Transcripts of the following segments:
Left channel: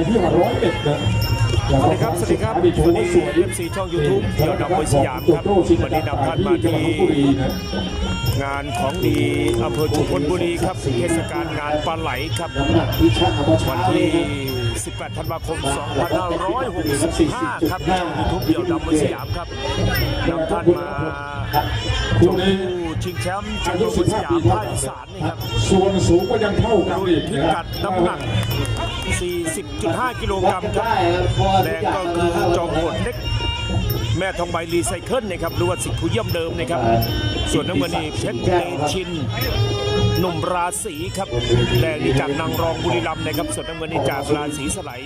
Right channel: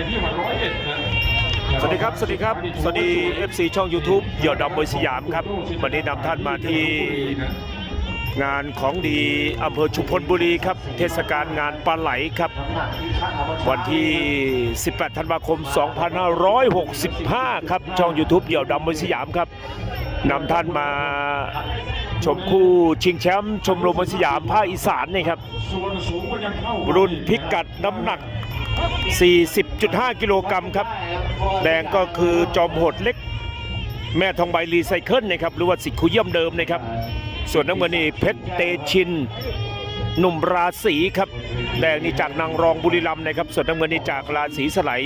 สวัสดีครับ สวัสดีครับ สวัสดี FC ช่อง YouTube เดี่ยวดำมวยสยามครับ วันนี้นำท่านมาที่งานของดีอำเภอชุมพลบุรีครับ เทศกาลงานปลาไหลครับ วันที่ 18 ธันวาคม 2565 ครับ ช่อง YouTube เดี่ยวดำมวยสยามครับนำท่านมา ชมคู่ชิงแชมป์ชมรมมวยสยามภาคอีสานนี่ครับ ส่วนสูงก็ยังเท่ากัรุ่นพิกัดน้ำหนัก 40.5 กิโลกรัมครับ แดงก็คือจอมโหดเล็ก แม่ทองใบรีไซเคิลนะครับ หรือว่าสิทธิ์คุเยี่ยมเดิมนะครับ ส่วนน้ำเงินนี่เพชรเตชินหนุ่มราศีครับ แดงนี่จากนางรองบุรีรัมย์นะครับ ส่วนน้ำเงินนี่จากราศีสไลย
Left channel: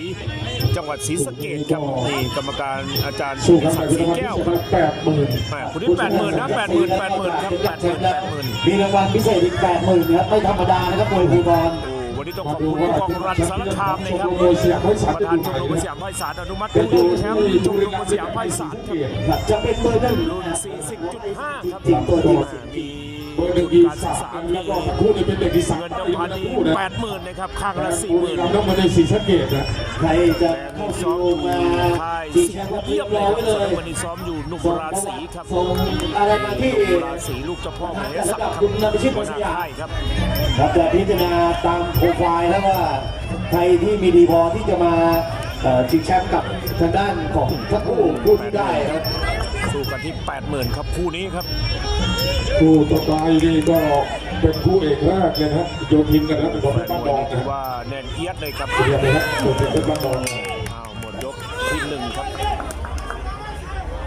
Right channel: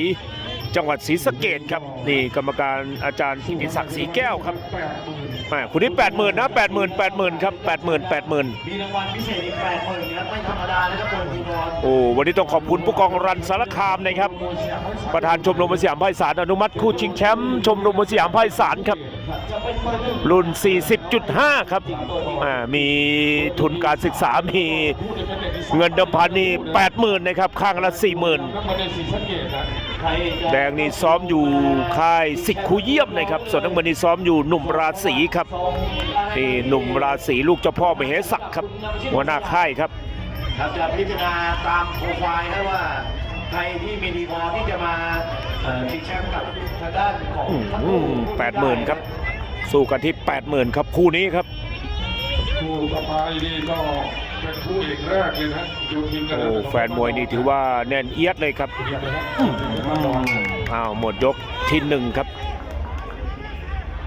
จังหวัดศรีสะเกดครับนี่กรรมการอาจารย์กิติศักดิ์ศรีแก้วครับแปดหมื่นแหม่คุณนี่แปดหมื่นนะแปดหมื่นแปดหมื่นครับแปดหมื่นแปดหมื่นมีรางวัลพิเศษอีกแปดหมื่นครับไม่ธรรมดานะครับโดยภูทรโอ้วันนี้ต้องขอบคุณผู้กองรันสารคามนะครับโดยเสียงไว้สมประธานชมรมมวยสยามภาคอีสานอนุมัติผู้ชิงแชมป์ชมรมมวยสยามภาคอีสานครับจะเป็นเบอร์หนึ่งรุ่น 40.5 ครับอ่ามีทุนการศึกษามีคู่นี้เป็นเด็กที่สามเงินเดิมพันนี่80,000นะครับข้างละ40,000น้ำมัน ในสีสะเกดนะใครจะแดงนี่ซ้อมอยู่ค่ายสิกคูเยี่ยมนะครับ ส่วนน้ำเงินนี่ซ้อมอยู่หนุ่มราศีครับนี่หนุ่มราศีลูกเจ้าพ่อมเหศักดิ์ครับหัวหน้าค่ายครับครับจะพิจารณาตามโปรไฟล์นะว่าใครที่มีดีพอที่จะมาเอ่อชิงแชมป์กับทางด้านของทั้งคู่แปดหมื่นครับ สู้กันที่80,000ครับคู่นี้ครับ คู่ต่อไปนี่ก็ เป็นคู่เอกแรกเลยนะโยทินกันโอ้นะแฟนมวยนี่ถือว่าแน่นเอียดเลยครับเรียนเลยครับโยทินเป็นบ้านรองอ้าวหมดยกที่หนึ่งครับ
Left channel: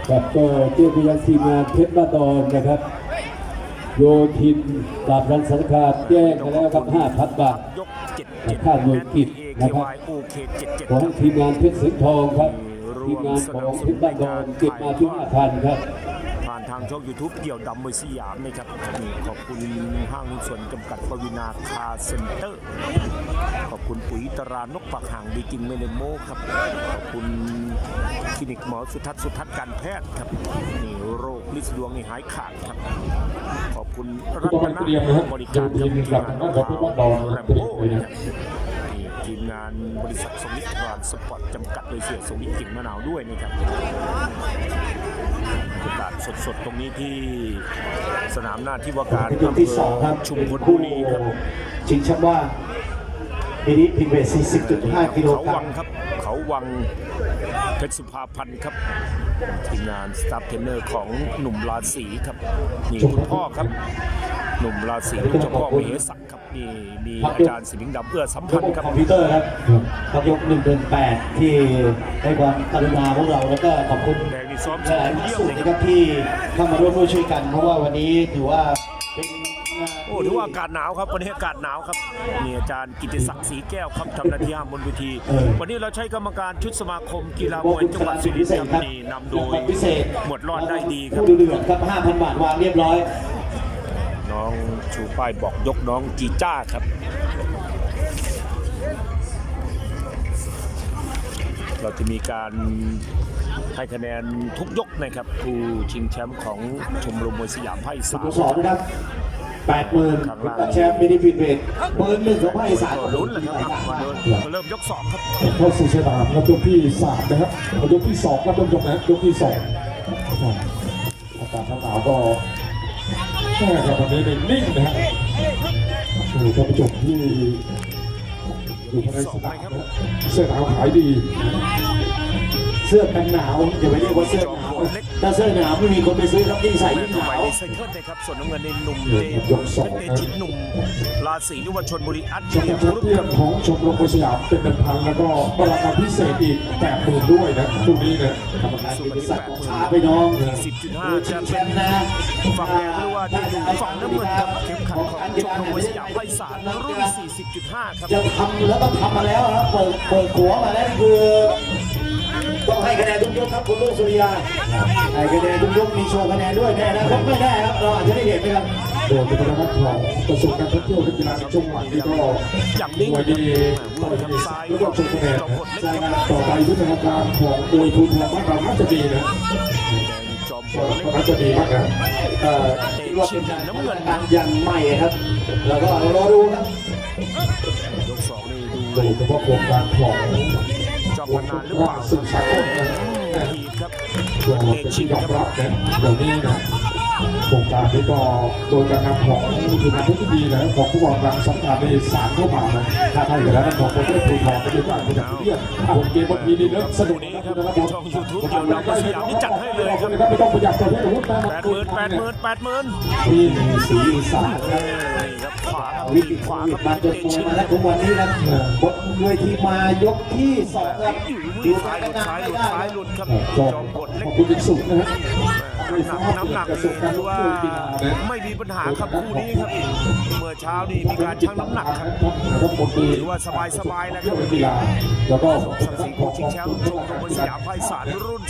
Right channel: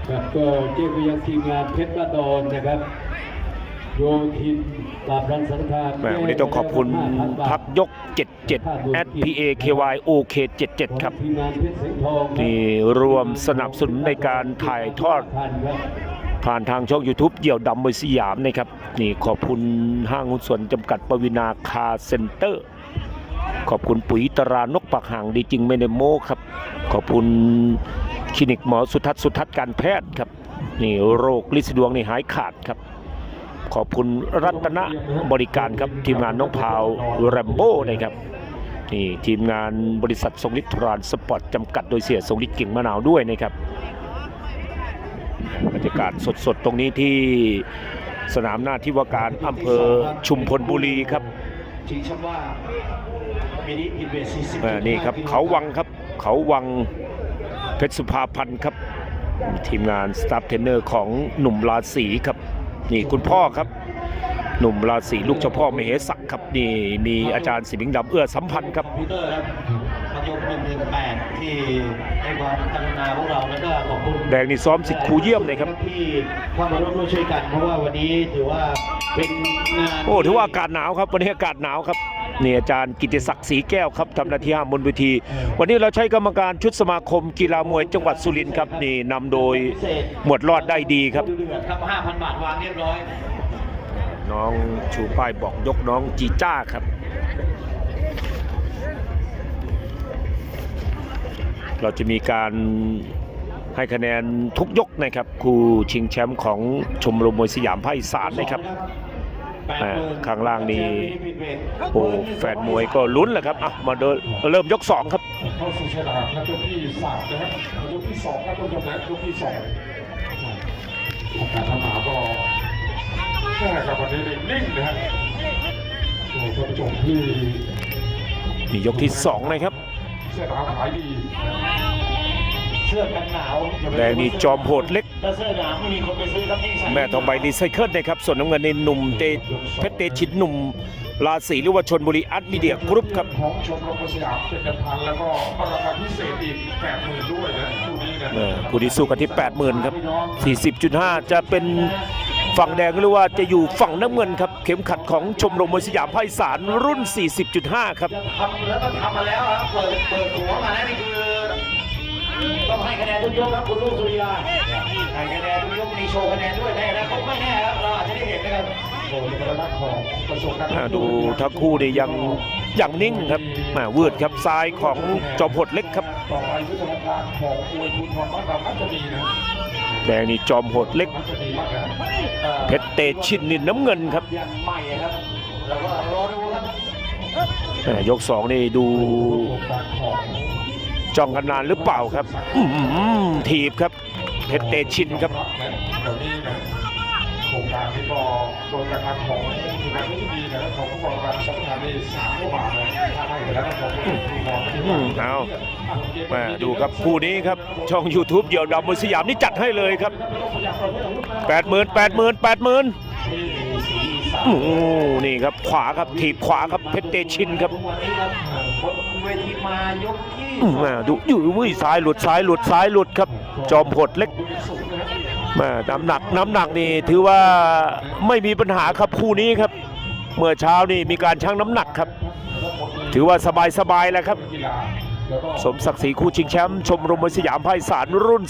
ครับก็เกี่ยวกับยังทีมงานเพชรบ้านดอนนะครับโยทินปราบรังสังขารแหม่วันนี้ต้องขอบคุณห้าพันบาพัทกยก 77 SPA KY OK ของ77ครับทีมงานเพชรสิงห์ทองครับที่รวมสนับสนุนในการถ่ายทอดพันครับ ผ่านทางช่อง YouTube เดี่ยวดำมวยสยามนะครับ นี่ขอบคุณห้างหุ้นส่วนจำกัดปวินาคาเซ็นเตอร์ ขอบคุณปุ๋ยตรานกปักห่างดีจริงไม่ได้โม้ครับ ขอบคุณคลินิกหมอสุทัศน์สุทัศน์การแพทย์ครับ นี่โรคลินดวงนี่หายขาดครับขอบคุณรัตนบริการครับทีมงานน้องพาวแรมโบ้เลยครับนี่ทีมงานบริษัททรงฤทธิ์ทรานสปอร์ตจำกัดโดยเสียทรงฤทธิ์กิ่งมะนาวด้วยนะครับากาศสดๆ ตรงนี้ที่สนามหน้าที่ว่าการอำเภอชุมพลบุรีครับชิงแชมป์ว่างปีนี้พินเวทเอ่อนี่ครับ40.5กิโลกรัมเขาวังครับ เขาวังเพชรสุภาพันธ์ครับ ทีมงานสตาฟเทรนเนอร์ของหนุ่มราศีครับ นี่คุณพ่อครับ หนุ่มราศีลูกเจ้าพ่อมเหศักดิ์ครับนี่มีอาจารย์สิงห์ดำเอื้อสัมพันธ์ครับคอมพิวเตอร์ครับพักยก1เดือน8ที่ให้ความกรุณาพวกเราแล้วก็ขอบคุณแดงนี่ซ้อมสิบครูเยี่ยมเลยครับที่เข้ามาร่วมด้วยช่วยกัน เพราะว่าวันนี้ถือว่าเป็นงานโอ้ถือว่าอากาศหนาวครับวันนี้อากาศหนาวครับนี่อาจารย์กิติศักดิ์ศรีแก้วครับทำหน้าที่ห้ามบนเวที วันนี้เราใช้กรรมการชุดสมาคมกีฬามวยจังหวัดสุรินทร์ครับนี่นำโดยหมวดรอดได้ดีครับดูเดือดครับ5,000บาทวางเรียบร้อย น้องชูป้ายบอกยกน้องจีจ้าครับ เราจะมีการให้คะแนนทุกยกนะครับคู่ชิงแชมป์ของชมรมมวยสยามภาคอีสานนะครับแปดหมื่นข้างล่างนี่แชมป์มินิฟิตเวทโอ้แฟนมวยก็ลุ้นแหละครับอะมาเดินเริ่มยกสองครับเข้าสู่สนามครับยกที่สามนะครับยกที่สองก็ต้องยกนะครับยกที่สองอากาศหนาวก็ ใช่ครับวันนี้นี่นิ่งนะฮะช่วยท่านผู้ชมที่นี่ยกที่สองนะครับ เสื้อหนาวขายดี เสื้อกันหนาวอย่าไปแดเรียงกว่านี่เสื้จอมโหดเล็ก ถ้าเสื้อหนาวไม่มีคนไปซื้อครับยิ่งใส่แม่ทองใบนี่ไซเคิลนะครับ ส่วนน้ำเงินในหนุ่มเตเพชรเตชินหนุ่มราศีหรือว่าชนบุรีอัดมีเดียกรุ๊ปครับ ของชมรมมวยสยามเป็นเดิมพันแล้วก็ราคาพิเศษอีกแปดหมื่นด้วยนะตรงนี้นะคู่นี้สู้กันที่ 80,000 ครับ 40.5 จะเป็น ฝั่งแดงหรือว่าจะอยู่ฝั่งน้ำเงินครับ เข็มขัดของชมรมมวยสยามภาคอีสานรุ่น 40.5 ครับจะทำแล้วก็ทำมาแล้วครับเปิดเปิดหัวมาแล้วนี่คือต้องให้คะแนนทุกยกครับคุณลูกสุริยาให้คะแนนทุกยกมีโชว์คะแนนด้วยในอนาคตไม่ได้ครับเราอาจจะได้เห็นนะครับโดยจะเป็นนักของกระทรวงการท่องอ่าเที่ยวดูทั้งคู่นี่ยังยังนิ่งครับแหม่วืดครับซ้ายของจอมพลเล็กครับ แดงนี่จอมโหดเล็กก็จะดีนะอ่อเพชรเตชินนี่น้ำเงินครับยังไม่ครับแล้วก็รอดูครับยกสองนี่ดูจ้องกันนานหรือเปล่าครับถีบครับเพชรเตชินครับ โครงการนี้ก็โดยการนำของทีมงานที่ดีนะของผู้บริหารสำคัญในสารเข้ามานะถ้าให้แล้วนะของผู้บริหารก็จะว่าเอาแม่แม่ดูครับคู่นี้ครับช่อง YouTube เดี่ยวดำบนสยามนี่จัดให้เลยครับไม่ต้องประหยัดประเภทอาวุธนะแปดหมื่นแปดหมื่นแปดหมื่นที่สีอีสานโอ้โหนี่ครับขวาครับถีบขวาครับเพชรเตชินครับทุกวันนี้นะบนเวทีมายกที่สองแม่ดูอยู่วุ้ยซ้ายหลุดซ้ายหลุดซ้ายหลุดครับ จอมกดเล็กคุณเป็ นสุขนะฮะแม่น้ำหนักน้ำหนักนี่ถือว่าไม่มีปัญหาครับคู่นี้ครับ เมื่อเช้านี่มีการชั่งน้ำหนักครับ ถือว่าสบายสบายๆแล้วครับกีฬาแล้วก็สมศักดิ์ศรีคู่ชิงแชมป์ชมรมมวยสยามไพศาลรุ่น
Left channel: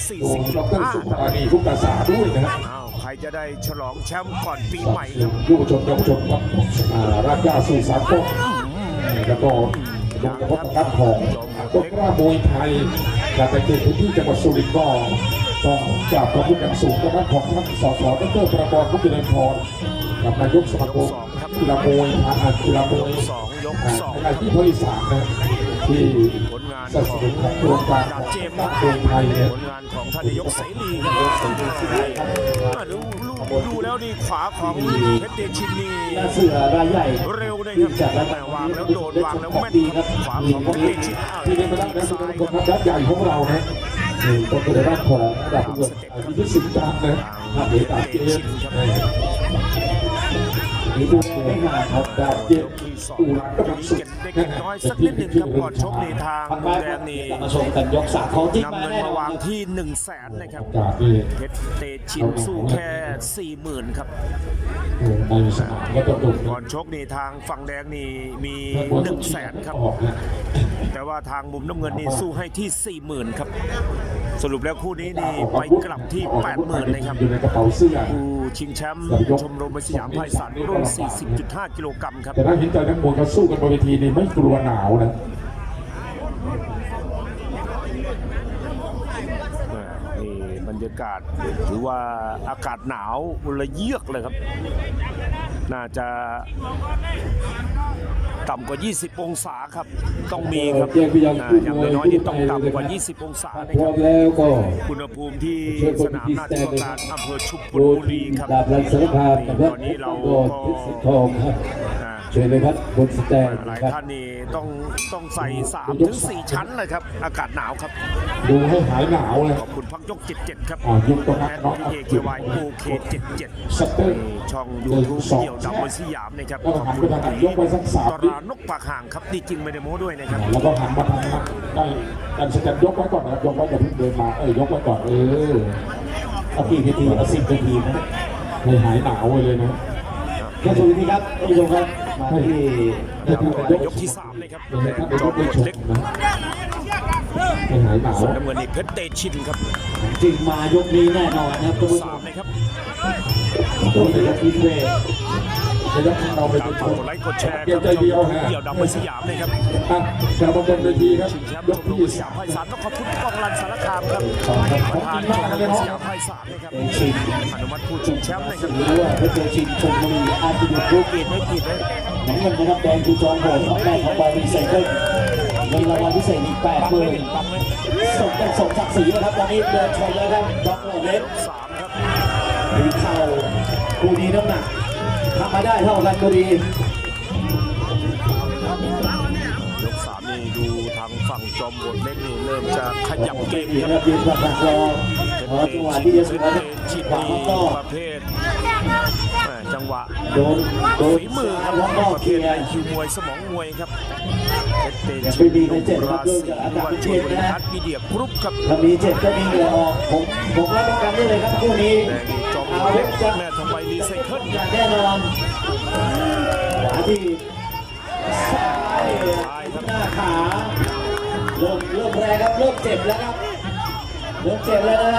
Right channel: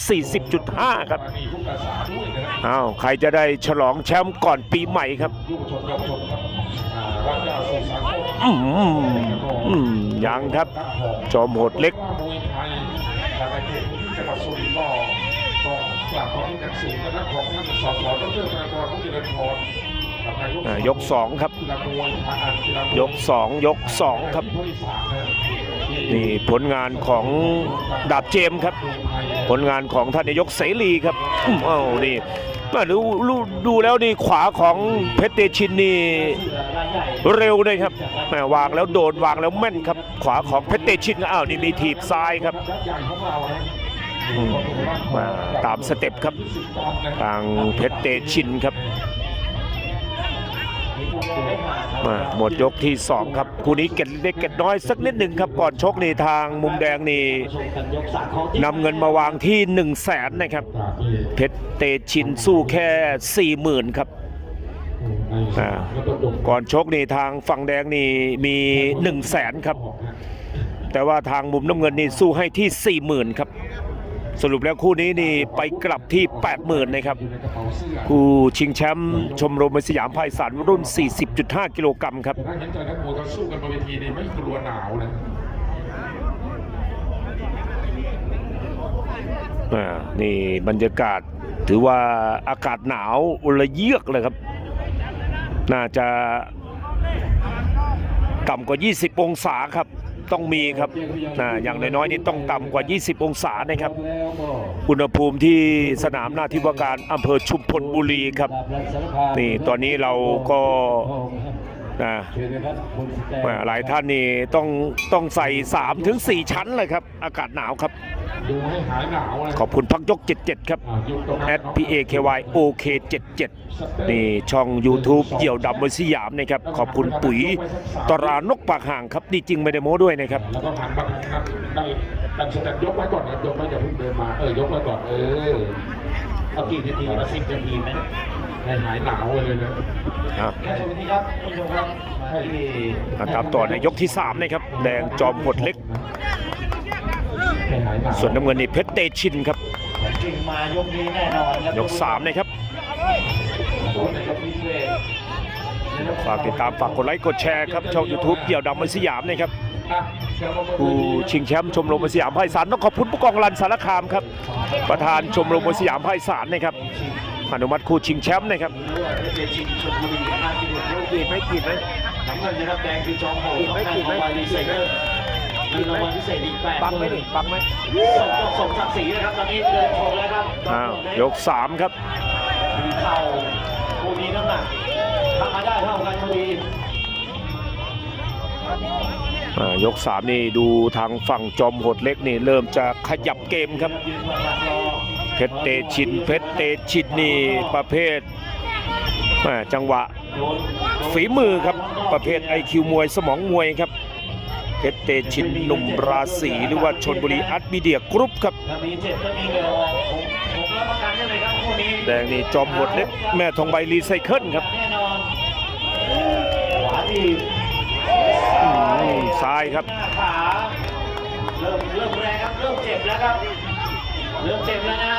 40.5 ครับมีทุกภาษาด้วยนะฮะอ้าวใครจะได้ฉลองแชมป์ก่อนปีใหม่ครับยุวชนเยาวชนครับอ่ารักยาสื่อสารโคอืมแล้วก็อืมยังครับของจอมโหดเล็กแวมวยไทยจากในเขตพื้นที่จังหวัดสุรินทร์ก็ ต้องกราบขอบคุณอย่างสูงนะครับของท่านสสดรธนกรพุทธเจริญพรกับนายกสองครับ กีฬามวยกีฬามวยก2ยก2ครับ ที่สานนะที่นี่ผลงานของดาบเจมส์ครับ ผลงานของท่านนายกเสรีครับอืมอ้าวนี่มาดูดูดูแล้วนี่ขวาของเพชรเตชินนี่เสือรายใหญ่เร็วเลยครับแหมวางแล้วโดนวางแล้วแม่นครับ ขวาของเพชรเตชินอ้าวนี่มีถีบซ้ายครับ ยักษ์ใหญ่ของเรานะ นี่ตามสเต็ปครับทางเพชรเตชินครับมาหมดยกที่ 2 ครับคู่นี้เก็ดเล็กเก็ดน้อยสักนิดหนึ่งครับก่อนชกนี่ทางมุมแดงนี่นำเงินมาวางที่ 1 0 0 0 0แสนนะครับ เพชรเตชินสู้แค่ 40,000 ครับก่อนชกนี่ทางฝั่งแดงนี่มี 1 0 0 0 0แสนครับ แต่ว่าทางมุมน้ำเงินนี่สู้ให้ที่ 40,000 ครับ สรุปแล้วคู่นี้นี่ไปกลับที่ 80,000นะครับอยู่ในกระเป๋าเสื้อคู่ชิงแชมป์ชมรมมวยสยามไพศาลรุ่น 40.5 กิโลกรัมครับแต่ถ้าเห็นใจนักมวยเขาสู้กันบนเวทีนี่ไม่กลัวหนาวนะอ่านี่บรรยากาศถือว่าอากาศหนาวระเยือกเลยครับ น่าจะ ต่ำกว่า 20 องศาครับ ต้องมีครับอ่าอย่างน้อยๆนี่ต้องต่ำกว่า 20 องศานะครับแล้วก็อุณหภูมิที่สนามหน้าที่ว่าการอำเภอชุมพลบุรีครับดาบรันสารคามนี่ตอนนี้เราก็ทองครับอ่าเชิญเลยครับบนสแตนอ่าหลายท่านนี่ต้องต้องใส่3ถึง4ชั้นเลยครับ อากาศหนาวครับ ดูให้หายหนาวเลยขอบคุณพักยก 77 ครับอ่ายิงตรงแอนั้นด p a k y OK 77นี่ช่อง YouTube เดี่ยวดำบนสยามนะครับ ขอบคุณปุ๋ยตรานกปากห่างครับนี่จริงไม่ได้โม้ด้วยนะครับแล้วก็หันมาทางนั้นได้การแสดงยกไว้ก่อนนะยกไว้อย่าเพิ่งเดินมาเออยกไว้ก่อนเออเอากี่นาทีมาสิบนาทีนะให้หายหนาวเลยนะครับแค่สิบนาทีครับท่านผู้ชมครับมาที่ตามต่อในยกที่ 3 นะครับ แดงจอมกดเล็ก ส่วนน้ำเงินนี่เพชรเตชินครับของจริงมายกนี้แน่นอนนะยก3นะครับดูในยกพิเศษฝากติดตามฝากกดไลค์กดแชร์ครับช่อง YouTube เดี่ยวดำบนสยามนะครับอะกระบวนการเวผู้ทีครับชิงแชมป์ชมรมมวยสยามไพศาลต้องขอบคุณผู้กองรันสารคามครับ ประธานชมรมมวยสยามไพศาลนะครับอนุมัติคู่ชิงแชมป์นะครับหรือว่าเพชรเจชินชมบุรีอาร์ติบุกรูปเกตไม่ผิดไหมน้ำเงินนะครับแดงคือจองโหดครับแดงเข้าไปพิ เศษเงินเงินรางวัลพิเศษอีกแปดปังหไหมมื่นนี่ปังไหมสมต้องสมศักดิ์ศรีนะครับตอนนี้เดินชมแล้วครับอ้าวยก3ครับ มีเข่าคู่นี้น้ำหนักทำมาได้เท่ากันบุรีอ่ายก3นี่ดูทางฝั่งจอมโหดเล็กนี่เริ่มจะขยับเกมครับยืนประกอบรอเพชรเตชินเพชรเตชินนี่ประเภทแม่จังหวะโดนโดนฝีมือครับประเภทไอคิวมวยสมองมวยครับ เพชรเตชินหนุ่มราศีหรือว่าชนบุรีอัดมีเดียกรุ๊ปครับถ้ามีเจ็บก็มีเหงื่อออกผมผมรับประกันได้เลยครับคู่นี้แดงนี่จอมโหดเล็กแม่ทองใบรีไซเคิลครับแน่นอนขวาที่ซ้ายครับหน้าขาเริ่มเริ่มแรงครับเริ่มเจ็บแล้วครับเริ่มเจ็บแล้วนะ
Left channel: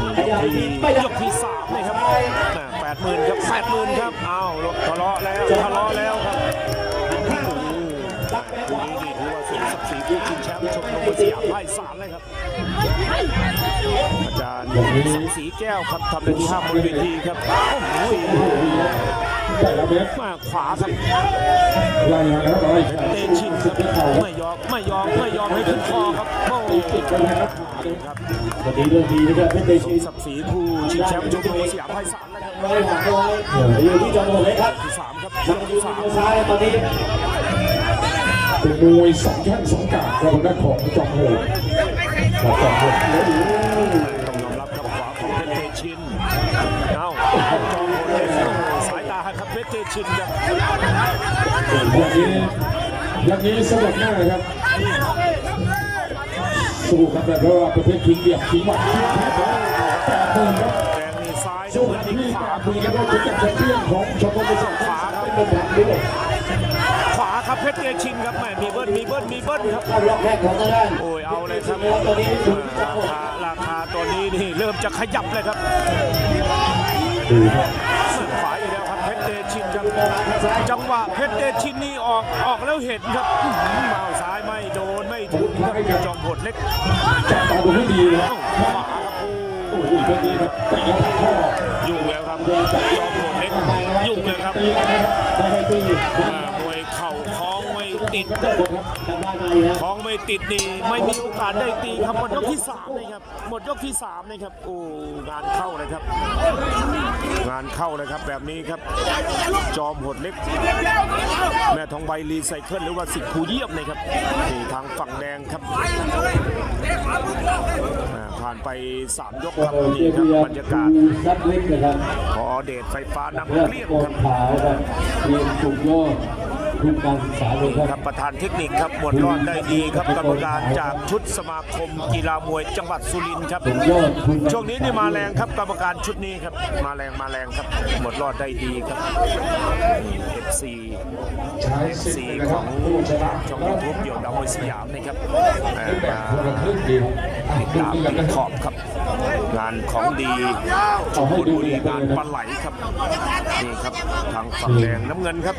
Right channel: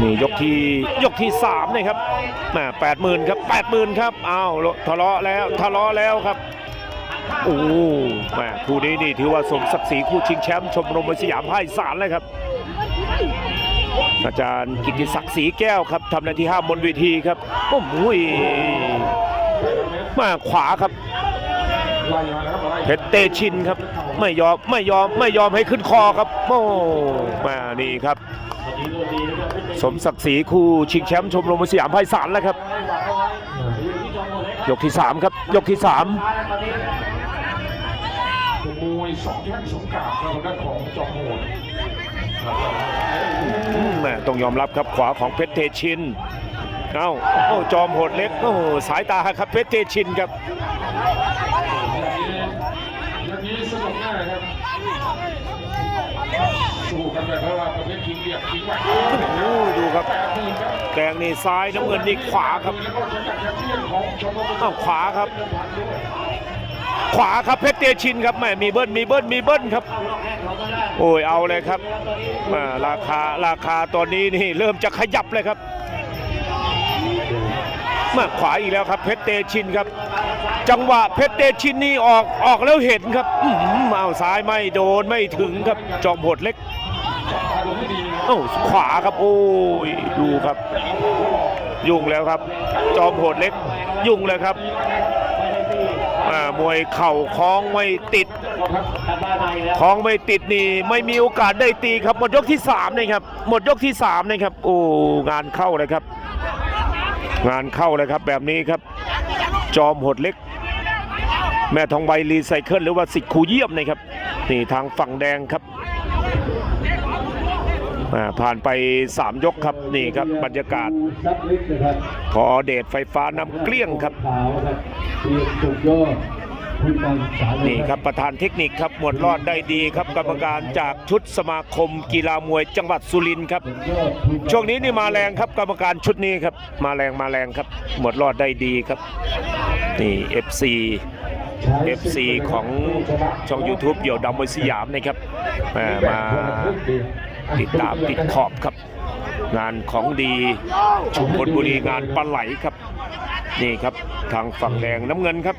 นี่ยกที่ยกที่สามนี่ครับแม่แปดหมื่นครับแปดหมื่นครับอ้าวทะเลาะแล้วทะเลาะแล้วครับ โอ้แม่คู่นี้นี่ถือว่าสมศักดิ์ศรีคู่ชิงแชมป์ชมรมวยสยามภาคอีสานเลยครับ อาจารย์กิติศักดิ์ศรีแก้วครับทำหน้าที่ห้ามบนเวทีครับโอ้โหแต่ละเม็ดมาขวาครับเพชรเตชินครับไม่ยอมไม่ยอมไม่ยอมให้ขึ้นคอครับโอ้มานี่ครับวันนี้เรื่องดีนะครับสมศักดิ์ศรีคู่ชิงแชมป์ชมรมสยามไพศาลแล้วครับให้ฝากเอาไว้อยู่ที่จอมพลเล็กครับกที่ 3 ครับ ยกที่ซ้ายตอนนี้ เป็นมวยสองแข้งสองกาบกระบวนการของจอมโหดครับจอมโหดแม่ต้องยอมรับครับขวาของเพชรเตชิน เอ้าโอ้โหจอมโหดเล็ก โอ้โหสายตาครับเพชรเตชินครับ อย่างนี้อย่างนี้สนุกแน่ครับสนุกกันแบบเพราะว่าประเภทคิงเดียบคิงหวัดโอ้ดูครับแดงนี่ซ้ายน้ำเงินนี่ขวาครับเอ้าขวาครับ ขวาครับเพชรเตชินครับแม่มีเบิ้ลมีเบิ้ลมีเบิ้ลครับล็อกแข้งของทางด้านโอ้ยเอาเลยครับตอนนี้แม่ราคาราคาตอนนี้นี่เริ่มจะขยับเลยครับดูครับแมาขวาอีกแล้วครับเพชรเตชินครับ จังหวะเพชรเตชินนี่ออกออกแล้วเห็นครับอื้อหือเอาซ้ายไม่โดนไม่ถึงครับจอมโหดเล็กจับตาดูให้ดีนะเอ้าขวาครับโอ้ยดูครับแต่อีกข้อยุ่งแล้วครับ จอมโหดเล็ก ยุ่งเลยครับตีแล้วนะครับไม่ให้ตีอ่ามวยเข่าคล้องไม่ติดครับทำบ้านมาอีกแล้วคล้องไม่ติดนี่ไม่มีโอกาสได้ตีครับหมดยกที่3นะครับหมดยกที่3นะครับโอ้งานเข้าเลยครับ งานเข้าเลยครับแบบนี้ครับ จอมโหดเล็ก แม่ทองใบรีไซเคิลหรือว่าสิทธิ์ครูเยี่ยมนะครับนี่ทางฝั่งแดงครับอ่า ผ่านไป 3 ยกครับนี่ครับบรรยากาศ พอเดชไฟฟ้าน้ำเกลี้ยงครับขาวครับมีสุดยอนี่ครับประธานเทคนิคครับหมวดรอดได้ดีครับกรรมการจากชุดสมาคมกีฬามวยจังหวัดสุรินทร์ครับ ช่วงนี้นี่มาแรงครับกรรมการชุดนี้ครับ มาแรงมาแรงครับ หมดรอดได้ดีครับนี่ FC FC ของช่อง YouTube เดี่ยวดำมวยสยามนะครับมา ติดตามติดขอบครับ งานของดีชุมพลบุรีงานปลาไหลครับ นี่ครับทางฝั่งแดงน้ำเงินครับ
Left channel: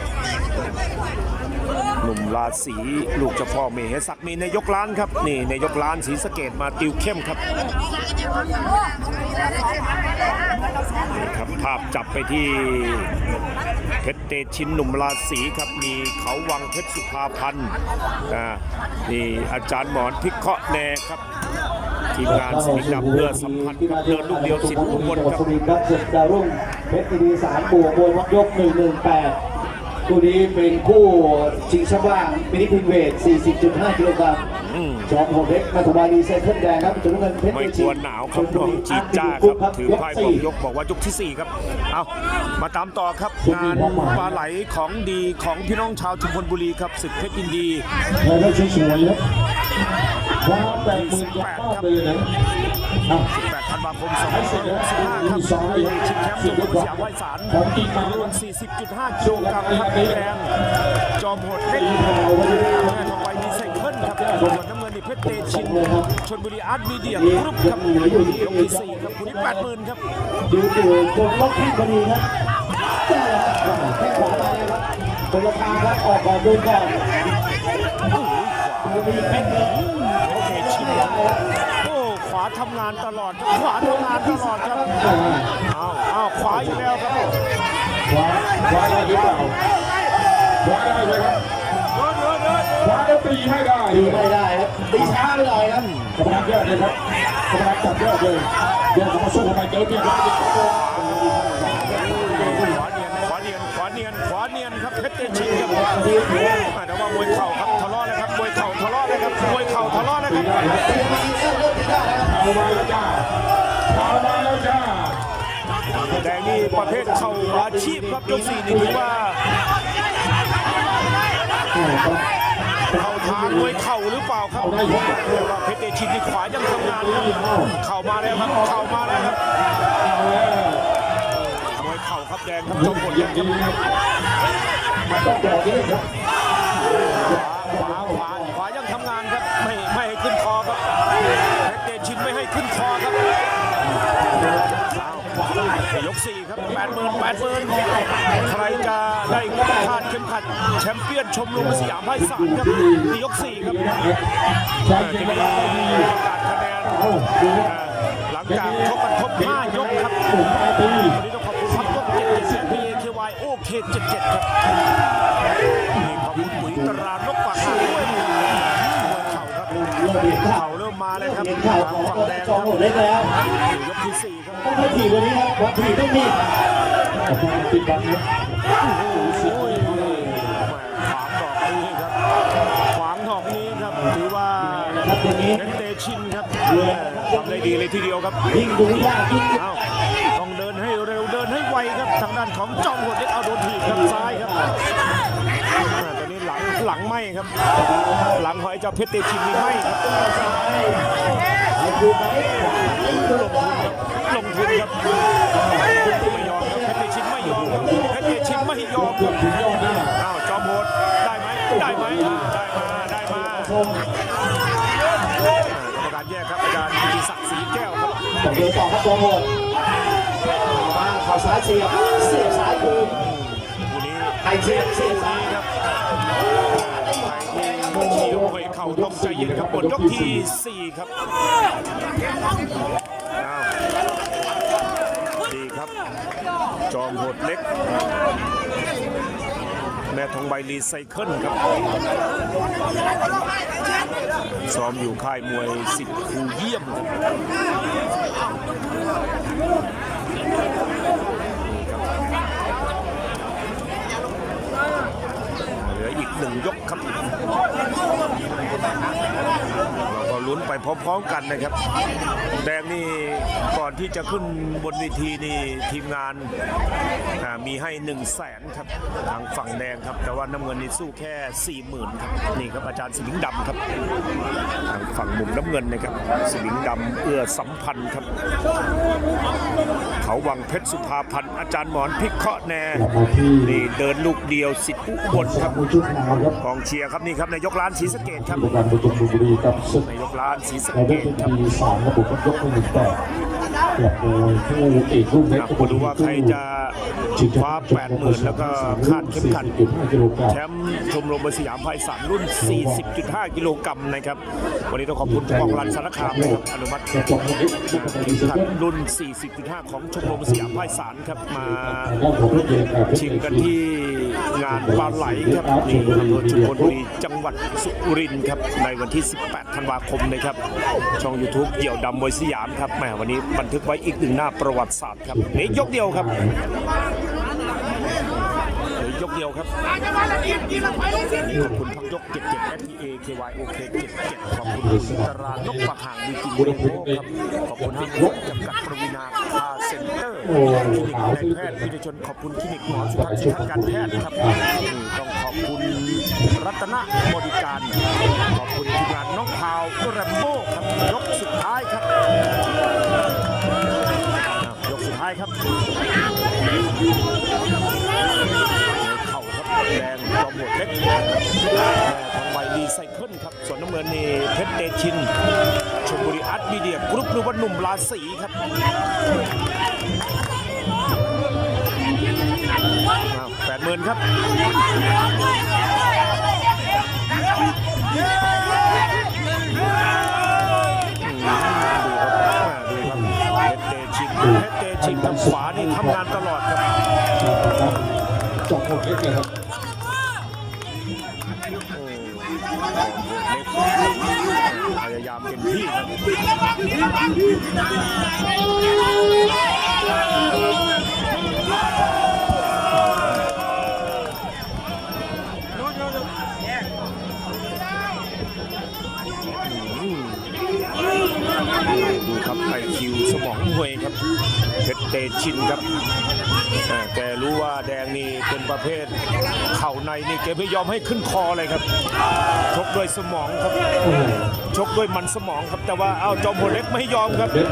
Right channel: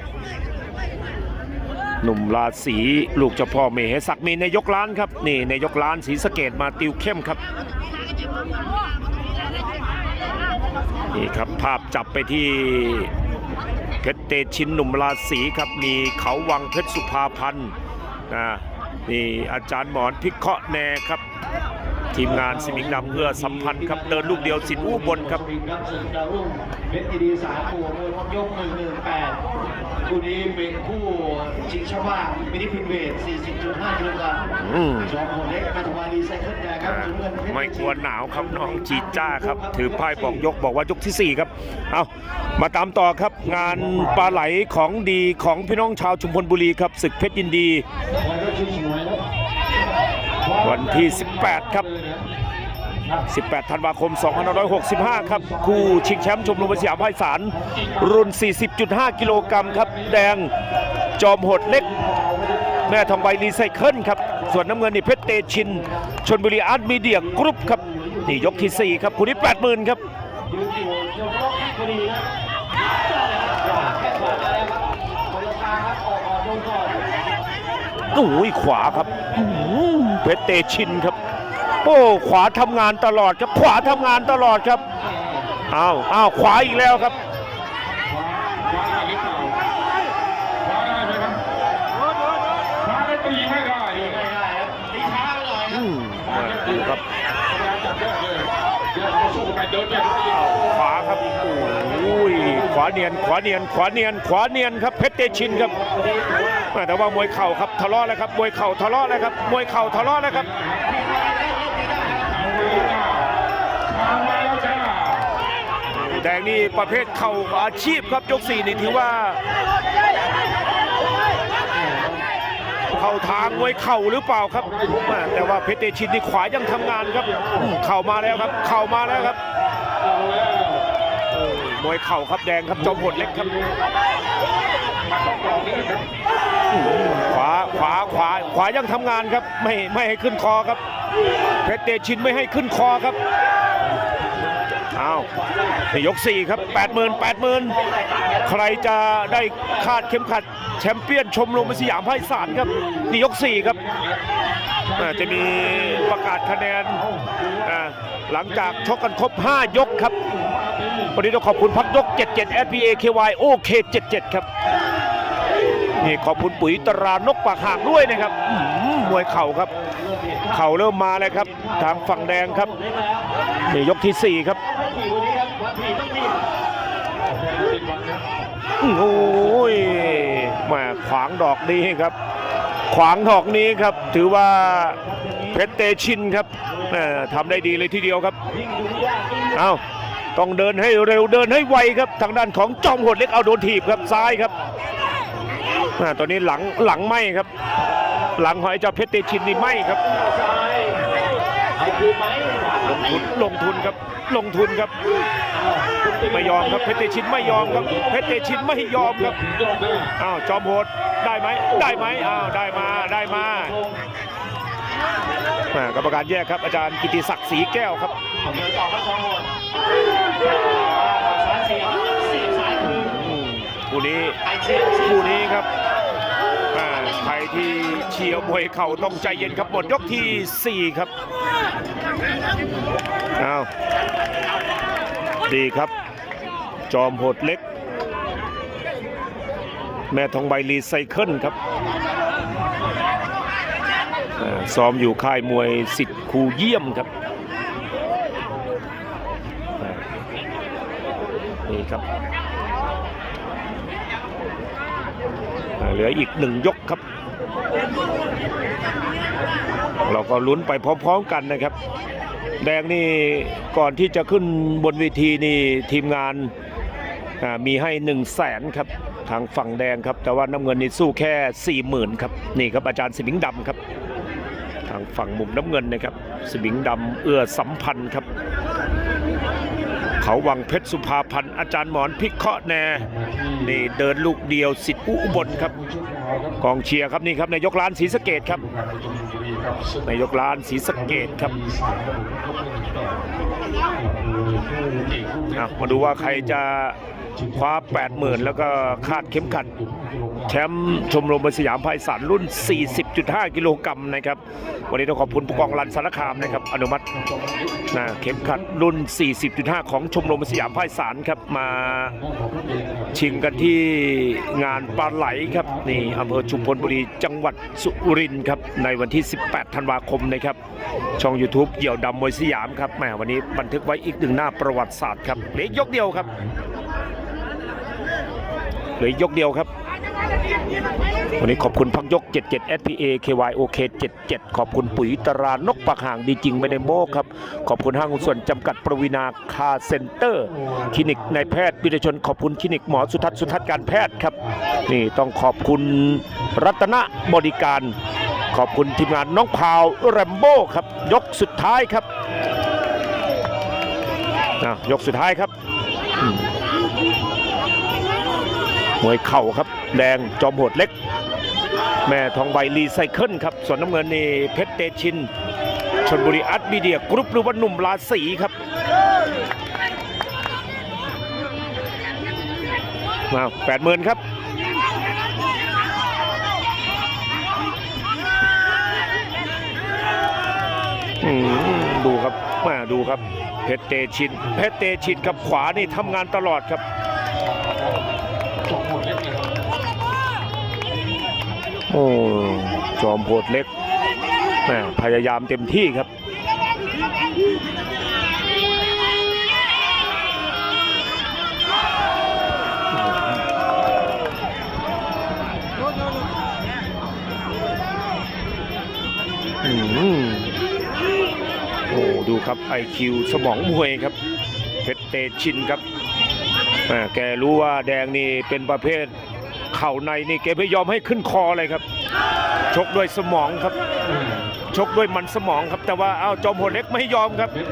หนุ่มราศีลูกเจ้าพ่อเมหศักดิ์มีนายกร้านครับ นี่นายกร้านศรีสะเกดมาติวเข้มครับนี่ครับภาพจับไปที่เพชรเตชินหนุ่มราศีครับมีเขาวังเพชรสุภาพันธ์นี่อาจารย์หมอนพิเคราะห์แนครับ ทีมงานสิมิงดำเพื่อสัมพันธ์ครับเดินลูกเดียวสิทธิ์อุบลครับสุรินทร์ครับส่วนดาวรุ่งเพชรอีดีสามบวกมวยวัดยกหนึ่งหนึ่งแปดคู่นี้เป็นคู่ชิงแชมป์ว่างมินิพินเวท 40.5กิโลกรัมอืมจอมโหดเล็กมาตุบาลีไซเคิลแดงครับถุงเงินเพชรไม่กลัวหนาวครับน้องจีจ้าครับ ถือป้ายบอกยกบอกว่ายกที่ 4 ครับ เอามาตามต่อครับ งานปลาไหลของดีของพี่น้องชาวชุมพลบุรีครับศึกเพชรยินดีแล้ วันที่ 18 ครับ 18 ธันวาคม 2565 ครับผู้ชิงแชมป์ชมรมสยามไพศาลรุ่น 40.5 กิโลกรัมครับแดง จอมโหดเล็ก แม่ทองใบรีไซเคิลครับ ส่วนน้ำเงินนี่เพชรเตชิน ชนบุรีอาร์ตมีเดียกรุ๊ปครับนี่ยกที่ 4 ครับคู่นี้ 80,000 ครับยืนอยู่บนล็อกแข้งพอดีครับแข้งขวามาแล้วครับคนละทางครับออกก่อนดูก่อน โอ้ยขวาครับอื้อหือเพชรเตชินครับ โอ้ขวาทำงานตลอดครับขวาทำงานตลอดครับอ้าวอ้าวขวาอีกแล้วครับคว้าคว้าได้หรือเปล่าคว้าได้ไหมครับคว้าได้ตีให้ได้ตีไม่ได้ครับตีช้าไปหน่อยครับกระดานยอดเลยครับกระดานจับยอดเลยเดี๋ยวจะมาสู้กันเดินเนี่ยครับขวาครับอุ้ยขวาเนียนขวาเนียนขวาเนียนขวาเนียนครับเพชรเตชินครับอ่า แต่ว่ามวยเข่าครับทะเลาะแล้วครับมวยเข่าทะเลาะแล้วครับมวยเข่าทะเลาะแล้วครับแดงนี่ประเภทเข่าอาชีพครับยกสี่นี่ถือว่าเข่าทางมวยเข่าหรือเปล่าครับ แต่ว่าเพชรเตชินนี่ขวายังทำงานครับ เข่ามาแล้วครับ เข่ามาแล้วครับมวยเข่าครับแดงครับจอมพลเล็กครับ ขวาขวาขวาขวายังทำงานครับ ไม่ไม่ให้ขึ้นคอครับเพชรเตชินไม่ให้ขึ้นคอครับเอาวยกสี่ครับ 8 0 0 0 0 8 0 0 0 ใครจะได้คาดเข็มขัด แชมเปี้ยนชมรมสยามไพศาลครับนี่ยกสี่ครับจะมีประกาศคะแนนหลังจากชกกันครบ 5 ยกครับ วันนี้ต้องขอบคุณพับยก 77 SPA KY OK 77 ครับ ขอบคุณปุ๋ยตรานกปากหางด้วยนะครับหือมวยเข่าครับ เข่าเริ่มมาเลยครับ ทางฝั่งแดงครับเล็กแล้วยกที่สี่ครับโอ้ยมาขวางดอกนี้ครับ ขวางดอกนี้ครับ ถือว่าเพชรเตชินครับทำได้ดีเลยทีเดียวครับเอาต้องเดินให้เร็วเดินให้ไวครับ ทางด้านของจอมโหดเล็กเอาโดนถีบครับซ้ายครับ อ่าตอนนี้หลังหลังไหมครับ หลังหอยเจ้าเพชรเตชินนี่ไหมครับซ้ายไอ้คือไหมขวาไหมลงทุนครับลงทุนครับ ไม่ยอมครับเพชรเตชินไม่ยอมครับเพชรเตชินไม่ยอมครับถึงยอดหน้าอ้าวจอมโหดได้ไหมได้ไหมอ้าวได้มาได้มาอ่ากรรมการแยกครับอาจารย์กิติศักดิ์ศรีแก้วครับต้องเดินต่อครับตัวโหดมาเข่าซ้ายเสียบเสียบซ้ายคืนคู่นี้ไอ้เสียบเสียบคู่นี้ครับอ่าใครที่ เชียร์มวยเข่าต้องใจเย็นครับหมดยกทีสี่ 4 ครับอ้าวดีครับ จอมโหดเล็ก แม่ทองใบรีไซเคิลครับซ้อมอยู่ค่ายมวยสิทธิ์ครูเยี่ยมครับ นี่ครับอ่า เหลืออีกหนึ่งยกครับ เราก็ลุ้นไปพร้อมๆกันนะครับ แดงนี่ก่อนที่จะขึ้นบนเวทีนี่ทีมงานมีให้1นึ่งแสนครับทางฝั่งแดงครับ แต่ว่าน้ำเงินนี่สู้แค่4ี่หมื่นครับนี่ครับอาจารย์สมิงดำครับ ทางฝั่งมุมน้ำเงินนะครับสมิงดำเอื้อสัมพันธ์ครับ เขาวังเพชรสุภาพันธ์อาจารย์หมอนพิเคราะห์แนกลับมาที่นี่เดินลูกเดียวสิทธิ์อุบลครับมวยชุดขาวครับ กองเชียร์ครับนี่ครับนายกร้านศรีสะเกดครับบุกการประจุมบุรีครับสุดนายกร้านศรีสะเกดครับมีสามระบุครับยกที่หนึ่งแปดกลับมวยคู่เอกรุ่นอะมาดูว่าใครจะคว้า 80,000 แล้วก็คาดเข็มขัดแชมป์ชมรมมวยสยามไพศาลรุ่น 40.5 กิโลกรัมนะครับ วันนี้ต้องขอบคุณผู้กองรันสารคามนะครับ อนุมัตินะเข็มขัดรุ่น 40.5 ของชมรมมวยสยามไพศาลครับมาชิงกันที่งานปลาไหลครับนี่อำเภอชุมพลบุรีจังหวัดสุรินทร์ครับในวันที่ 18 ธันวาคมนะครับ ช่อง YouTube เหี่ยวดำมวยสยามครับแหมวันนี้บันทึกไว้อีกหนึ่งหน้าประวัติศาสตร์ครับเหลือยกเดียวครับเหลือยกเดียวครับ วันนี้ขอบคุณพักยก 77 SPA KYOK 77 ขอบคุณปุ๋ยตรานกปากห่างดีจริงไม่ได้โม้ครับ ขอบคุณห้างส่วนจำกัดประวินาคาเซ็นเตอร์ คลินิกนายแพทย์วิทยชน ขอบคุณคลินิกหมอสุทัศน์สุทัศน์การแพทย์ครับ นี่ต้องขอบคุณรัตนบริการ ขอบคุณทีมงานน้องพาวแรมโบ้ครับ ยกสุดท้ายครับอะยกสุดท้ายครับมวยเข่าครับ แดงจอมโหดเล็ก แม่ทองใบรีไซเคิลครับ ส่วนน้ำเงินนี่เพชรเตชินชนบุรีอัดมีเดียกรุ๊ปหรือว่าหนุ่มราศีครับมาแปดหมื่นครับดูครับมาดูครับเพชรเตชินเพชรเตชินครับขวานี่ทำงานตลอดครับ โอ้จอมโหดเล็กแม่พยายามเต็มที่ครับอืมโอ้ดูครับไอคิวสมองมวยครับเพชรเตชินครับแกรู้ว่าแดงนี่เป็นประเภท เข่าในนี่แกไม่ยอมให้ขึ้นคอเลยครับ ชกด้วยสมองครับ ชกด้วยมันสมองครับ แต่ว่าเอาจอมโหดเล็กไม่ยอมครับเล็ก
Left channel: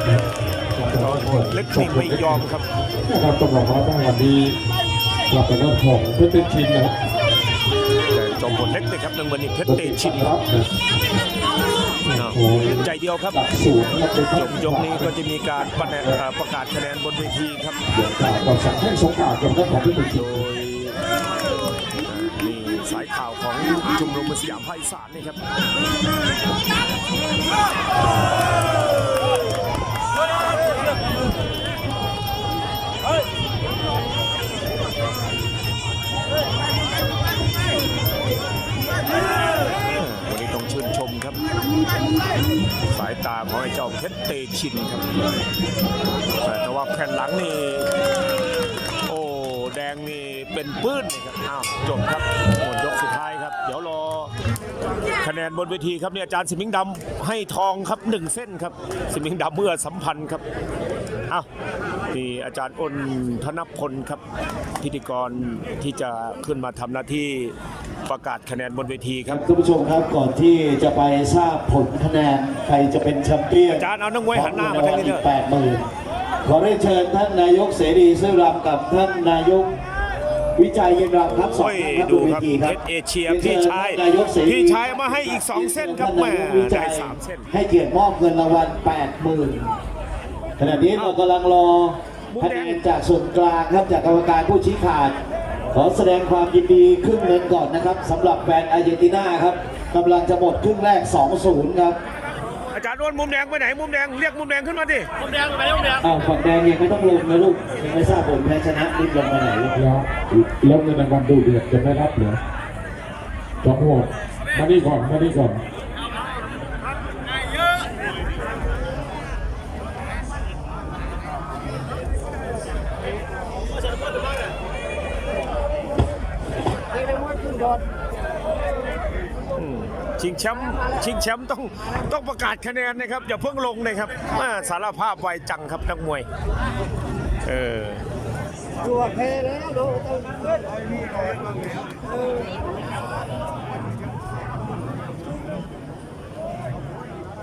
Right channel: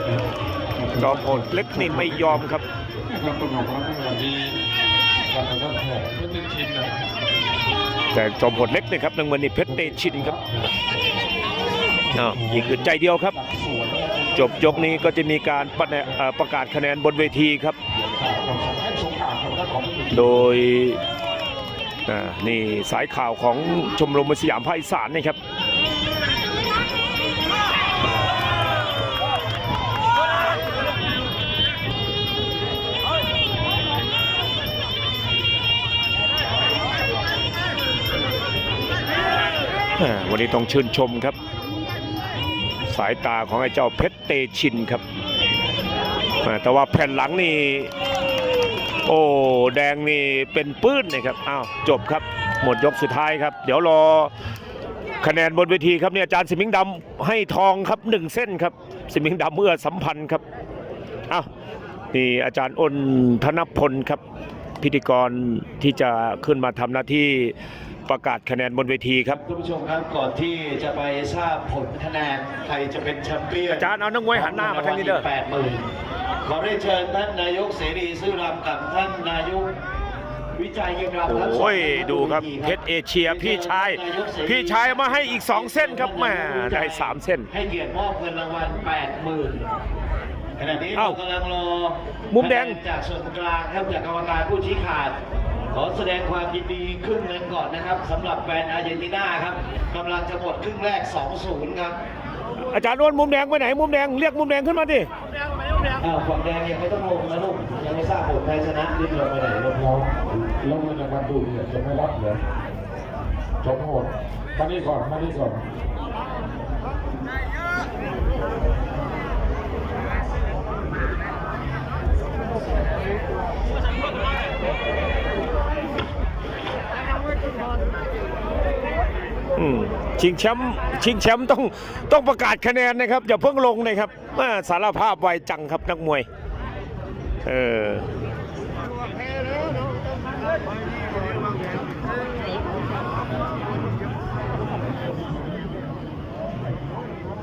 จอมโหดเล็กนี่ไม่ยอมครับนะครับต้องบอกว่าตั้งแต่ดีกลับไปว่าของเพชรเตชินนะครับแต่จอมโหดเล็กเนี่ยครับนางวันนี้เพชรเตชินครับอ้าวยิงอื่นใจเดียวครับดักศูนย์นะครับ จบยกนี้ก็จะมีการประแนเอ่อประกาศคะแนนบนเวทีครับเราสั่งให้สงขากับเจ้าของเพชรเตชินโดย อ่านี่สายข่าวของชมรมมวยสยามภาคอีสานนะครับวันนี้ต้องชื่นชมครับ สายตาของไอ้เจ้าเพชรเตชินครับอ่าแต่ว่าแผ่นหลังนี่ โอ้แดงนี่เป็นปื้นนะครับอ้าวจบครับหมดยกสุดท้ายครับ เดี๋ยวรอคะแนนบนเวทีครับเนี่ยอาจารย์สิมิงดำให้ทองครับหนึ่งเส้นครับ สิมิงดำเมื่อสัมพันธ์ครับอ้าวนี่อาจารย์อ้นธนพลครับ พิธีกรที่จะขึ้นมาทำหน้าที่ประกาศคะแนนบนเวทีครับคุณผู้ชมครับก่อนที่จะไปทราบผลคะแนนใครจะเป็นแชมเปี้ยนอาจารย์เอานักมวยหันหน้ามาทางนี้เด้อแปดหมื่น ขอได้เชิญท่านนายกเสรีซื่อรำกับท่านนายกวิจัยยินรำครับโอ้ยดูครับเพชรเอเชียพี่ชายนกเสรีพี่ชายเอามาให้อีก 2 เส้นครับแหม่ได้ 3 เส้น ให้เกียรติมอบเงินรางวัลแปดหมื่นขณะนี้เอ้าเรากำลังรอมุมแดงคะนจากส่วนกลางครับจากกรรมการผู้ชี้ขาด ขอแสดงความยินดีครึ่งเงินก่อนนะครับสำหรับแฟนอาร์เจนตินาครับกำลังจะหมดครึ่งแรก 2-0 ครับ อาจารย์อ้วนมุมแดงไปไหนมุมแดงเรียกมุมแดงขึ้นมาดิอ้าวฝั่งแดงยังไม่ต้องลงนะลูกยังไม่ทราบผลแพ้ชนะรีบลงไปไหนลูกแล้วแล้วเงินรางวัลดูเดือดจะไม่รับเหรอจบโหดมานี่ก่อนมานี่ก่อน ชิงแชมป์ชิงแชมป์ต้องต้องประกาศคะแนนนะครับอย่าเพิ่งลงนะครับอ่าสารภาพไวจังครับนักมวย เออ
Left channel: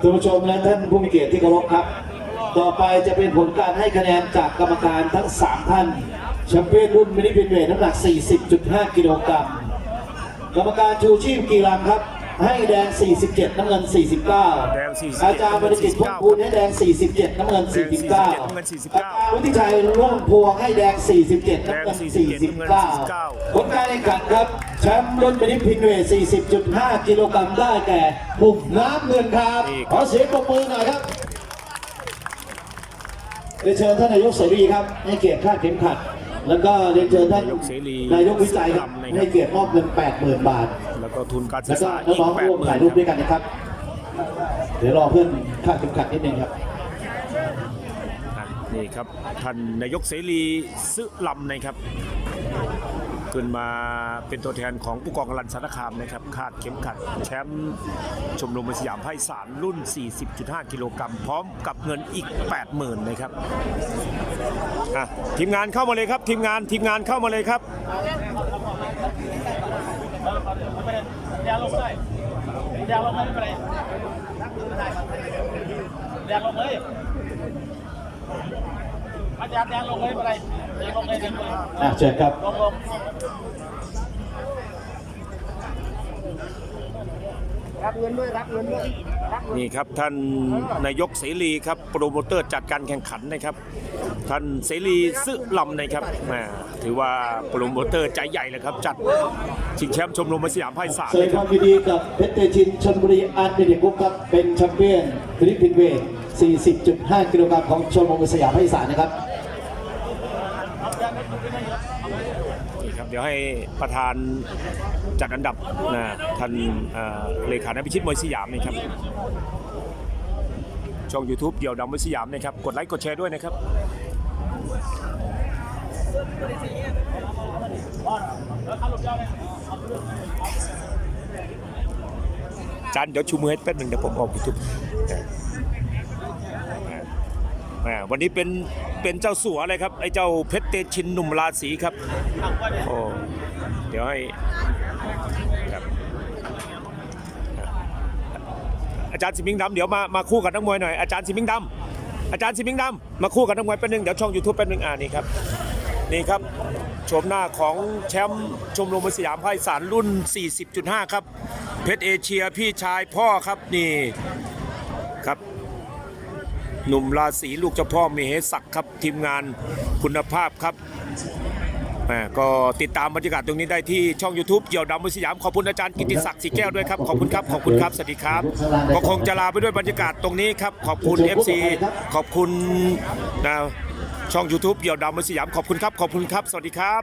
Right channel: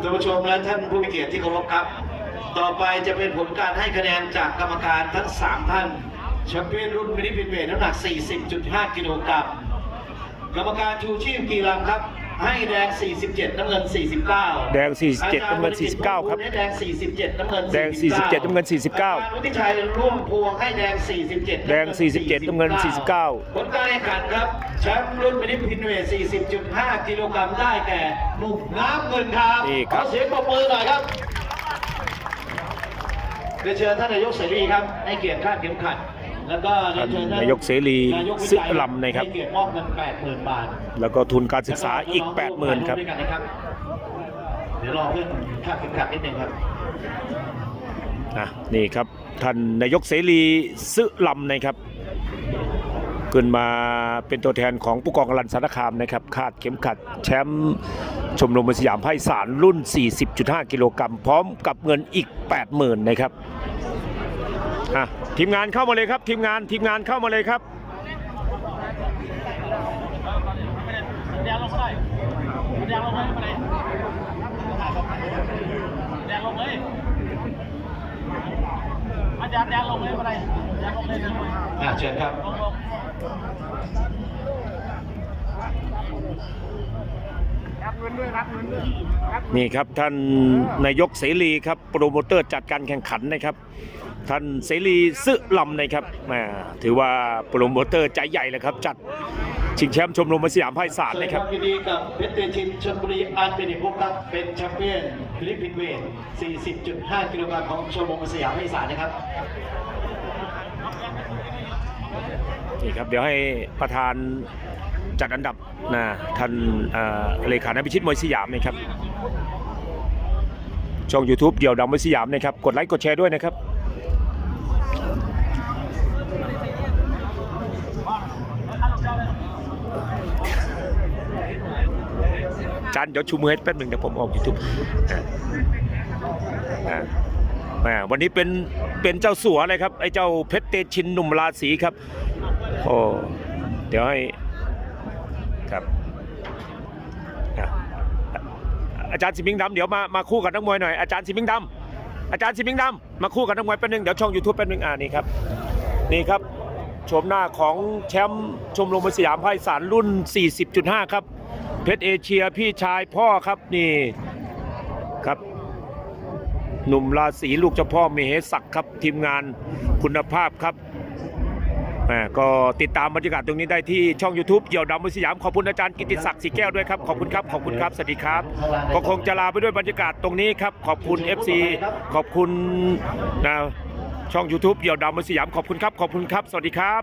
ท่านผู้ชมและท่านผู้มีเกียรติที่เคารพครับ ต่อไปจะเป็นผลการให้คะแนนจากกรรมการทั้ง 3 ท่านแชมเปี้ยนรุ่นมินิพินเวทน้ำหนัก 40.5 กิโลกรัมกรรมการชูชีพกีฬาครับ ให้แดง 47 น้ำเงิน 49 แดง47อาจารย์บริกิตพงน้ำพูเงิน49นให้แดง 47 น้ำเงินแดง49 47น้ำเงิน49อาจารย์วุฒิชัยร่วมพวงให้แดง 47 แดง 47น้ำเงิน 49ผลการแข่งขันครับแชมป์รุ่นมินิพินเวท40.5 กิโลกรัมได้แก่มุมน้ำเงินครับนี่ขครัอบเสียงปรบมือหน่อยครับเรียนเชิญท่านนายกเสรีครับ ให้เกียรติคาดเข็มขัด แล้วก็เรียนเชิญท่านนายกเสรีนายกวิจัยซึ่งลำนะครับให้เกียรติมอบเงิน 80,000 บาท แล้วก็ทุนการศึกษาอีกแล้วน้งๆร่วมถ่าย80,000 ครับ ด้วยกันนะครับ เดี๋ยวรอเพื่อนคาดเข็มขัดนิดนึงครับ อะนี่ครับท่านนายกเสรีซึลำนะครับ ขึ้นมาเป็นตัวแทนของผู้กองอรันสารคามนะครับคาดเข็มขัดแชมป์ชมรมสยามไพศาลรุ่น 40.5 กิโลกรัมพร้อมกับเงินอีก 80,000 นะครับ อะทีมงานเข้ามาเลยครับ ทีมงานทีมงานเข้ามาเลยครับแดงลงไปแดงลงเลยไปเลยแดงลงเลยอาจารย์แดงลงเลยไปเลยแดงลงเลยแดงลงเลยอะเชิญครับลงลงรับเงินด้วยรับเงินด้วยรับนี่ครับท่านนายกเสรีครับโปรโมเตอร์จัดการแข่งขันนะครับ ท่านเสรีซึลำนะครับแหมถือว่าโปรโมเตอร์ใจใหญ่เลยครับ จัดชิงแชมป์ชมรมสยามไพศาลแสดนะงคครัวาบมยินดีกับเพชรเตชินชลบุรีอาร์ตเบนิพุกครับเป็นแชมเปี้ยนฟิลิปปินส์เวท 40.5 กิโลกรัมของชลบุรีสยามภาคอีสานนะครับนี่ครับเดี๋ยวให้ประธานจัดอันดับนะท่านเอ่อเลขาธิพิชิตมวยสยามนะครับช่อง YouTube เดี่ยวดำมวยสยามนะครับกดไลค์กดแชร์ด้วยนะครับ จานเดี๋ยวชูมือให้แป๊บหนึ่งเดี๋ยวผมออก YouTube อ่าอ่าแหมวันนี้เป็นเป็นเจ้าสัวเลยครับไอ้เจ้าเพชรเตชินหนุ่มราศีครับโอ้เดี๋ยวให้ครับอาจารย์สิมิงดำเดี๋ยวมามาคู่กับนักมวยหน่อยอาจารย์สิมิงดำอาจารย์สิมิงดำมาคู่กับนักมวยแป๊บนึงเดี๋ยวช่อง YouTube แป๊บนึงอ่านี่ครับนี่ครับชมหน้าของแชมป์ชมรมสยามไพศาลรุ่น 40.5 ครับ เพชรเอเชียพี่ชายพ่อครับนี่ครับ หนุ่มราศีลูกเจ้าพ่อมีเหศักครับทีมงานคุณภาพครับแหมก็ติดตามบรรยากาศตรงนี้ได้ที่ช่อง YouTube เกี่ยวดำมวยสยาม ขอบคุณอาจารย์กิติศักดิ์สีแก้วด้วยครับ ขอบคุณครับ ขอบคุณครับ สวัสดีครับ ก็คงจะลาไปด้วยบรรยากาศตรงนี้ครับ ขอบคุณ FC ขอบคุณนะช่อง YouTube เกี่ยวดำมวยสยาม ขอบคุณครับ ขอบคุณครับ สวัสดีครับ